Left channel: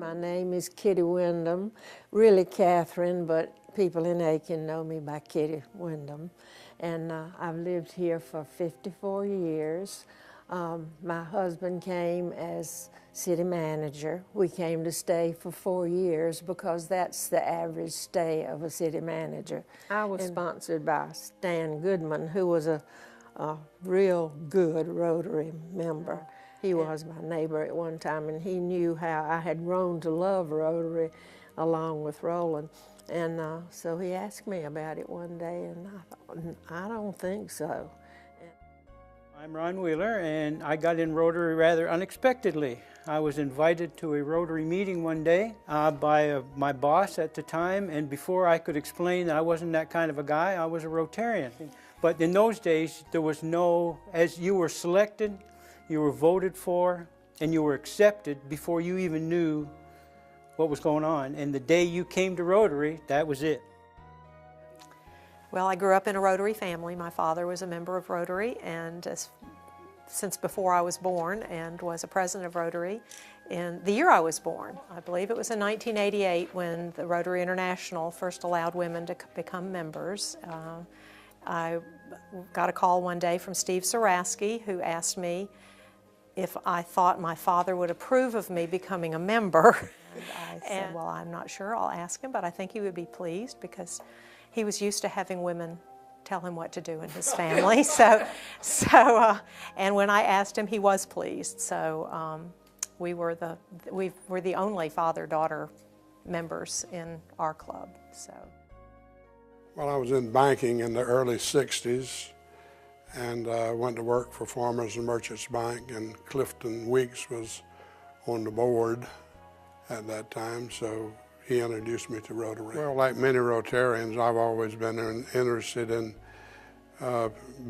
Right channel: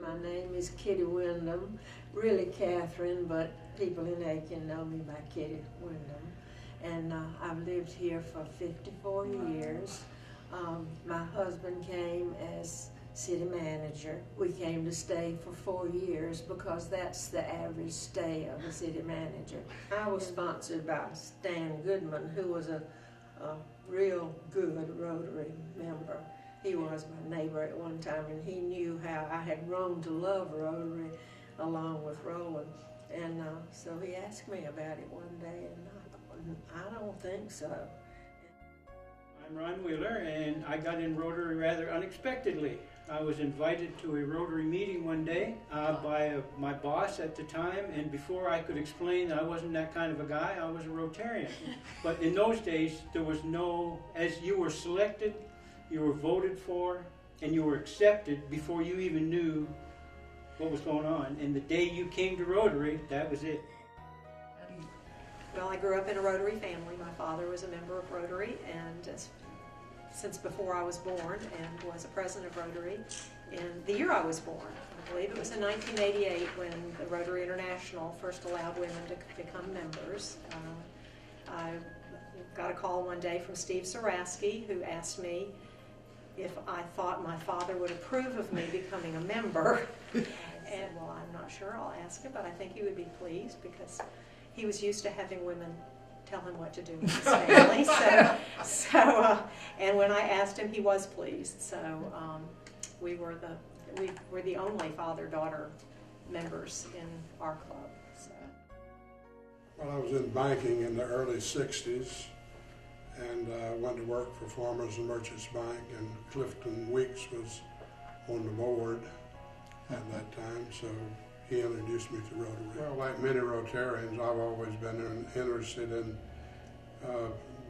My name is Kitty Wyndham, really Catherine, but people in Aiken know me by Kitty Wyndham. And I've lived here for 54 years. My husband came as city manager. We came to stay for 4 years because that's the average stay of a city manager. I was sponsored by Stan Goodman, who was a real good Rotary member. He was my neighbor at one time, and he knew how I had grown to love Rotary along with Roland. And so he asked me about it one day, and I thought, I don't think so. I'm Ron Wheeler, and I got in Rotary rather unexpectedly. I was invited to a Rotary meeting one day by my boss at the time, and before I could explain that I wasn't that kind of a guy, I was a Rotarian. But in those days, there was no, as you were selected, you were voted for, and you were accepted before you even knew what was going on. And the day you came to Rotary, that was it. Well, I grew up in a Rotary family. My father was a member of Rotary, and since before I was born, and was a president of Rotary in the year I was born. I believe it was in 1988 when the Rotary International first allowed women to become members. I got a call one day from Steve Saraski, who asked me if I thought my father would approve of me becoming a member. I said, well, I'm not sure. I'll ask him, but I think he would be pleased because he was used to having women tell him what to do in his family. And when I asked him, he was pleased. So we were the only father-daughter members in our club. So. Well, I was in banking in the early 60s and went to work for Farmers and Merchants Bank, and Clifton Weeks was on the board at that time, so he introduced me to Rotary. Well, like many Rotarians, I've always been interested in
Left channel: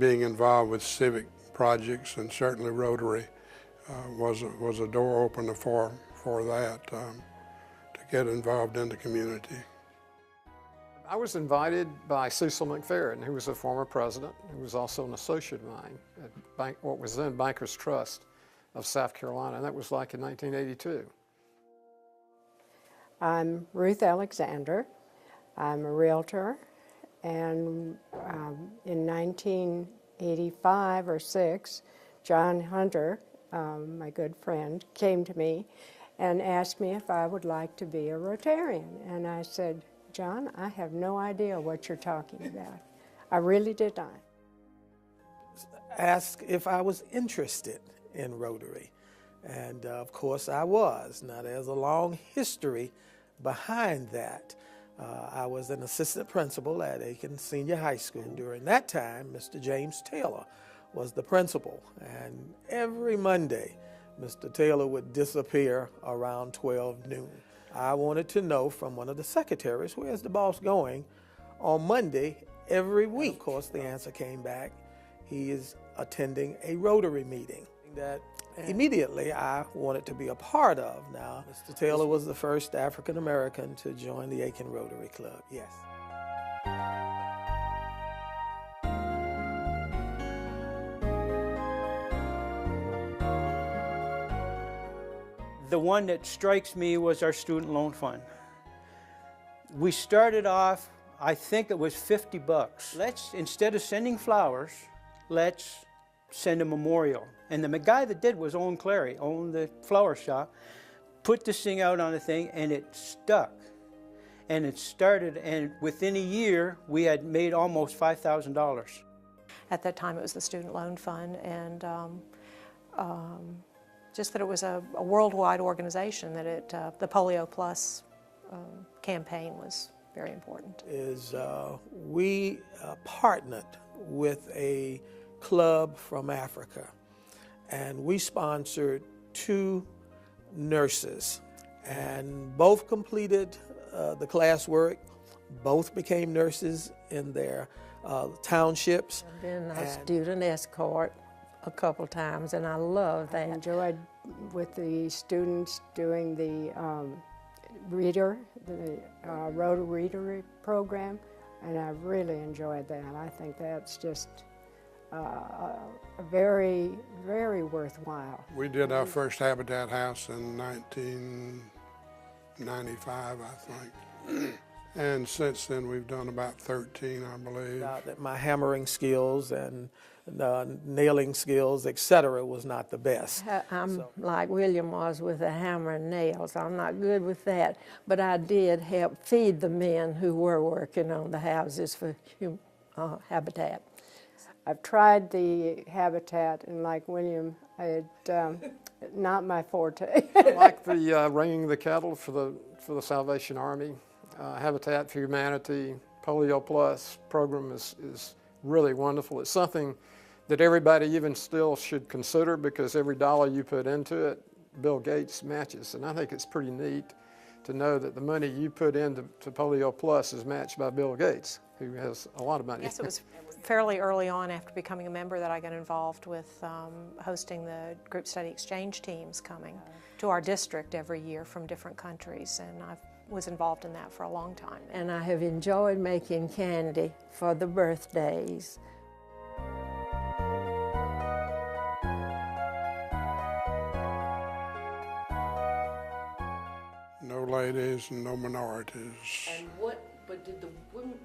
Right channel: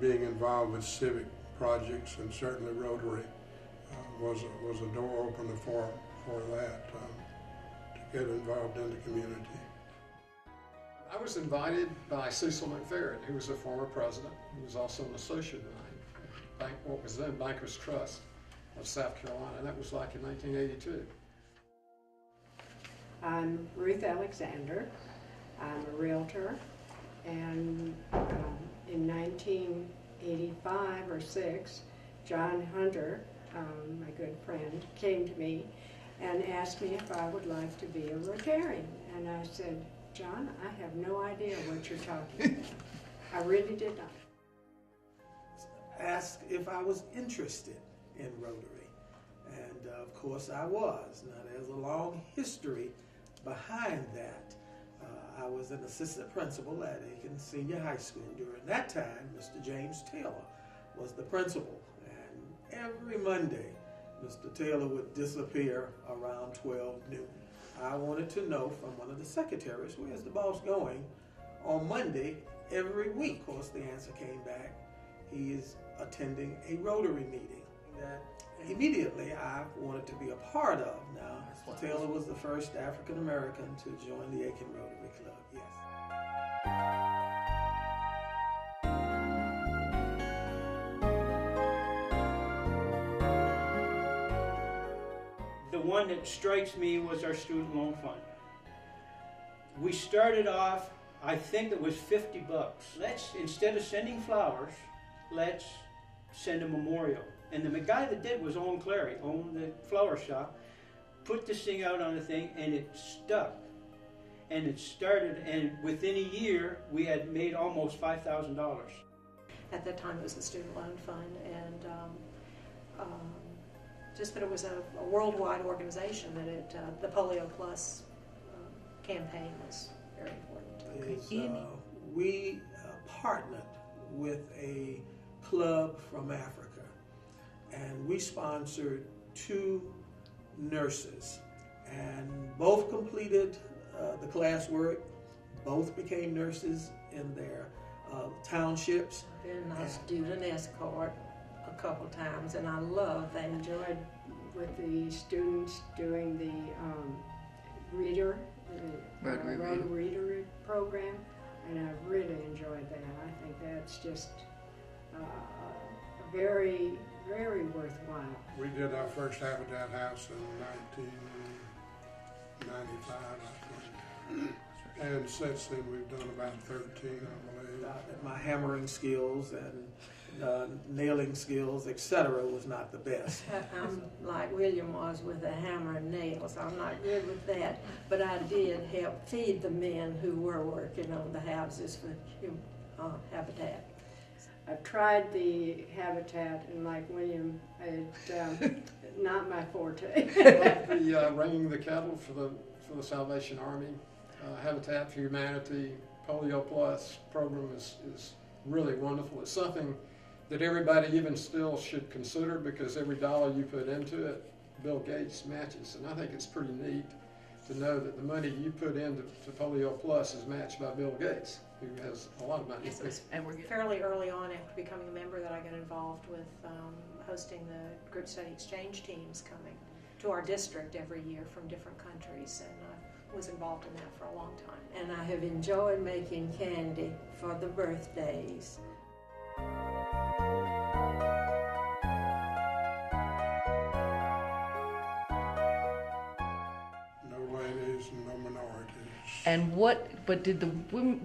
being involved with civic projects, and certainly Rotary was a door opener for that, to get involved in the community. I was invited by Cecil McFerrin, who was a former president, who was also an associate of mine at what was then Bankers Trust of South Carolina, and that was like in 1982. I'm Ruth Alexander. I'm a realtor, and in 1985 or 6, John Hunter, my good friend, came to me and asked me if I would like to be a Rotarian, and I said, John, I have no idea what you're talking about. I really did not. Asked if I was interested in Rotary, and of course I was. Now there's a long history behind that. I was an assistant principal at Aiken Senior High School. During that time, Mr. James Taylor was the principal, and every Monday, Mr. Taylor would disappear around 12 noon. I wanted to know from one of the secretaries, where's the boss going on Monday every week? Of course, the answer came back, he is attending a Rotary meeting that immediately I wanted to be a part of. Now, Mr. Taylor was the first African American to join the Aiken Rotary Club, yes. The one that strikes me was our student loan fund. We started off, I think it was $50. Instead of sending flowers, let's send a memorial. And the guy that did was Owen Clary, owned the flower shop, put this thing out on a thing, and it stuck. And it started, and within a year, we had made almost $5,000. At that time, it was the Student Loan Fund, and just that it was a worldwide organization, that the Polio Plus campaign was very important. We partnered with a club from Africa, and we sponsored 2 nurses, and both completed the classwork. Both became nurses in their townships. Been a student escort a couple times, and I love that. I enjoyed with the students doing the Rotary Reader program, and I really enjoyed that. I think that's just very, very worthwhile. We did our first Habitat House in 95, I think. And since then, we've done about 13, I believe. That my hammering skills and nailing skills, etc., was not the best. I'm like William was with a hammer and nails. I'm not good with that, but I did help feed the men who were working on the houses for Habitat. I've tried the Habitat, and like William, not my forte. Like the ringing the cattle for the Salvation Army, Habitat for Humanity, Polio Plus program is really wonderful. It's something that everybody even still should consider, because every dollar you put into it, Bill Gates matches. And I think it's pretty neat to know that the money you put into Polio Plus is matched by Bill Gates, who has a lot of money. Yes, it was fairly early on after becoming a member that I got involved with hosting the group study exchange teams coming to our district every year from different countries, and I was involved in that for a long time. And I have enjoyed making candy for the birthdays. No ladies and no minorities. And but did the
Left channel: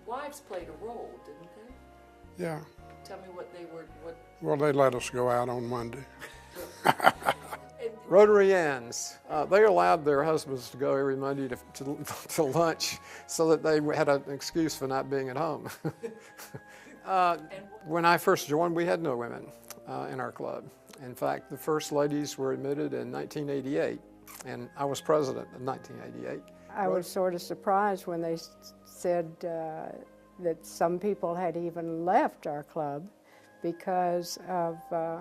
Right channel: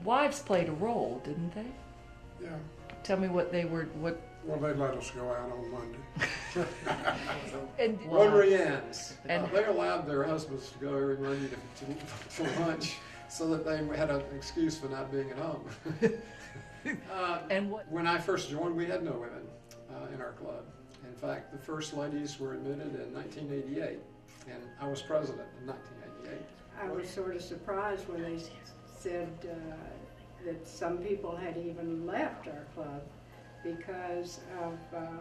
wives played a role, didn't they? Yeah. Tell me what they were, Well, they let us go out on Monday. and, Rotarians, they allowed their husbands to go every Monday to lunch so that they had an excuse for not being at home. and what? When I first joined, we had no women in our club. In fact, the first ladies were admitted in 1988, and I was president in 1988. I was sort of surprised when they said that some people had even left our club because of a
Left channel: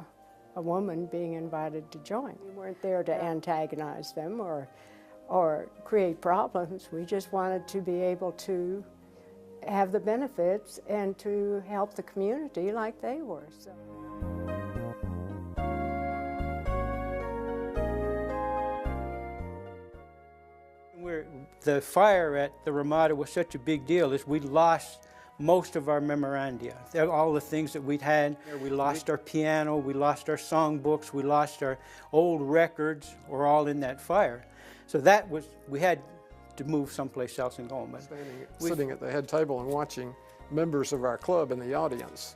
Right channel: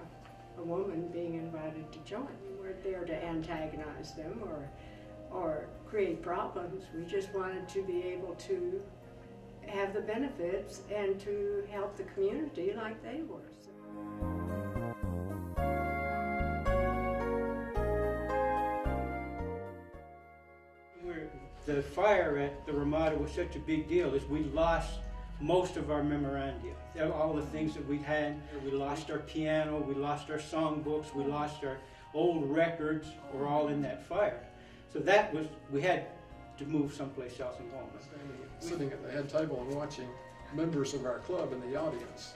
woman being invited to join. We weren't there to antagonize them or create problems. We just wanted to be able to have the benefits and to help the community like they were. So. The fire at the Ramada was such a big deal is we lost most of our memoranda. All the things that we'd had. We lost our piano, we lost our songbooks, we lost our old records, were all in that fire. So that was, we had to move someplace else and go home. Sitting at the head table and watching members of our club in the audience.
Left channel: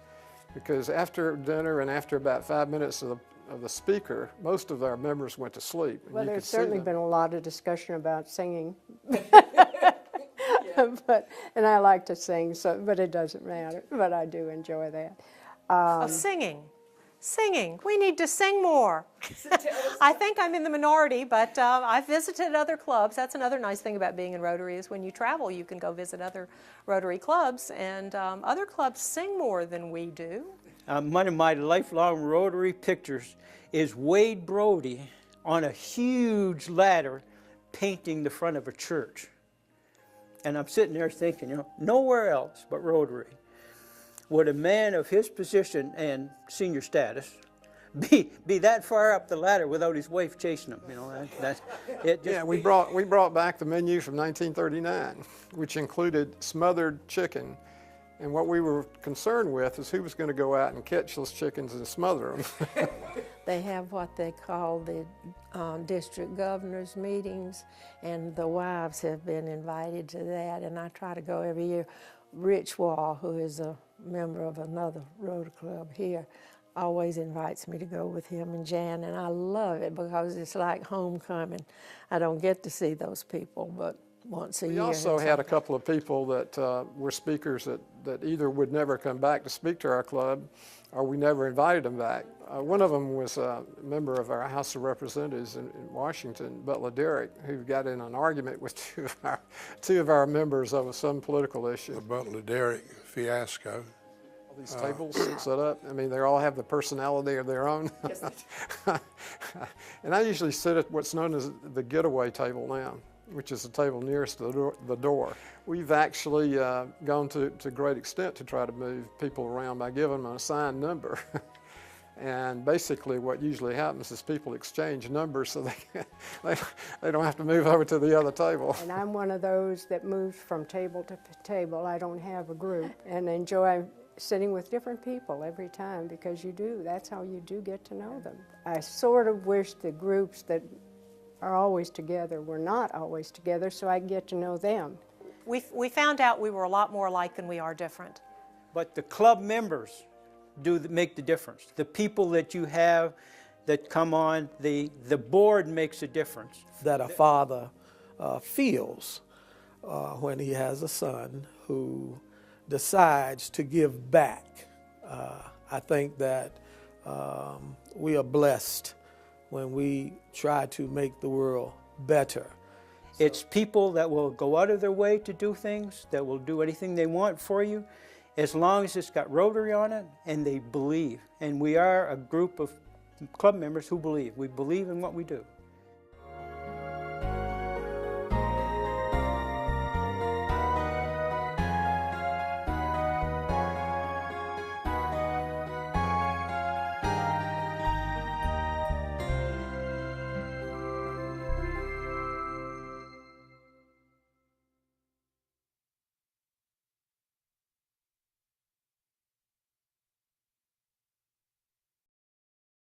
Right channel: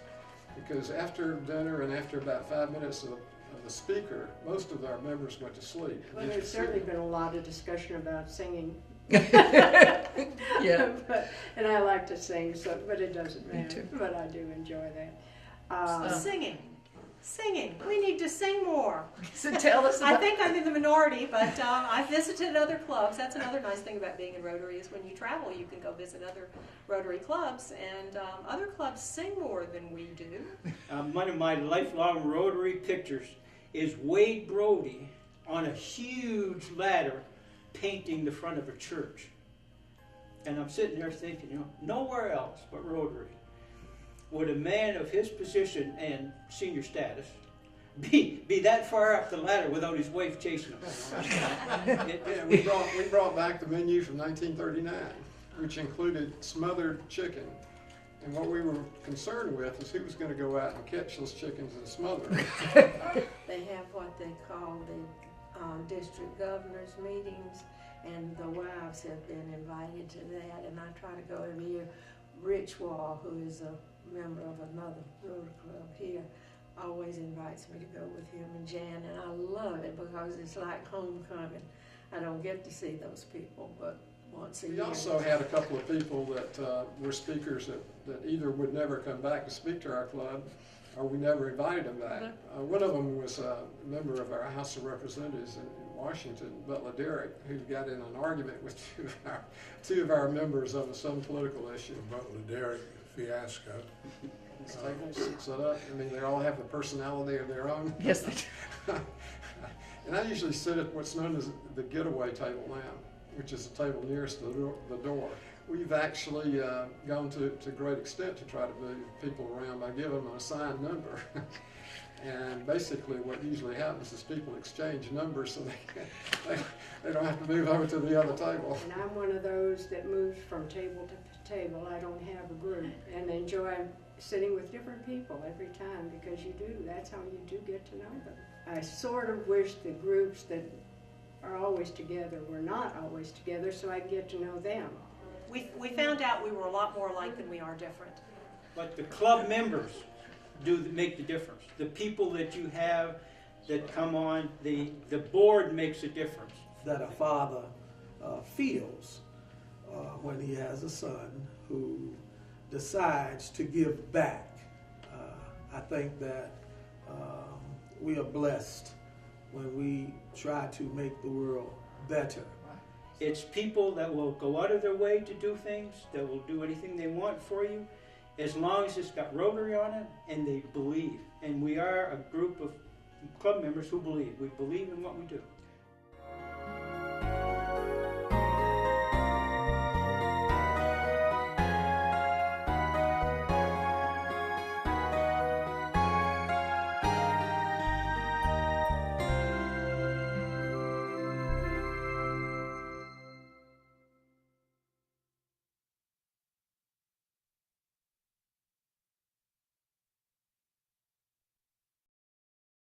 Because after dinner and after about 5 minutes of the speaker, most of our members went to sleep. Well, there's certainly been a lot of discussion about singing. Yeah. And I like to sing, but it doesn't matter. But I do enjoy that. Singing. We need to sing more. So tell us. I think I'm in the minority, but I've visited other clubs. That's another nice thing about being in Rotary is when you travel, you can go visit other Rotary clubs, and other clubs sing more than we do. One of my lifelong Rotary pictures is Wade Brody on a huge ladder painting the front of a church. And I'm sitting there thinking, nowhere else but Rotary would a man of his position and senior status be that far up the ladder without his wife chasing him. We brought back the menu from 1939, which included smothered chicken. And what we were concerned with is who was going to go out and catch those chickens and smother them. They have what they call the district governors meetings, and the wives have been invited to that, and I try to go every year. Rich Wall, who is a member of another Rotary Club here, always invites me to go with him and Jan, and I love it because it's like homecoming. I don't get to see those people, but once a year. We also had a couple of people that were speakers that either would never come back to speak to our club, or we never invited them back. One of them was a member of our House of Representatives in Washington, Butler Derrick, who got in an argument with two of our members over some political issue. The Butler Derrick fiasco. These tables set up, I mean, they all have the personality of their own. Yes, they do. And I usually sit at what's known as the getaway table now, which is the table nearest the door. We've actually gone to great extent to try to move people around by giving them an assigned number. And basically what usually happens is people exchange numbers so they don't have to move over to the other table. And I'm one of those that moves from table to table. I don't have a group, and enjoy sitting with different people every time, because that's how you do get to know them. I sort of wish the groups that are always together. We're not always together, so I get to know them. We found out we were a lot more alike than we are different. But the club members make the difference. The people that you have that come on, the board makes a difference. That a father feels when he has a son who decides to give back. I think that we are blessed when we try to make the world better. It's people that will go out of their way to do things, that will do anything they want for you, as long as it's got Rotary on it and they believe. And we are a group of club members who believe. We believe in what we do.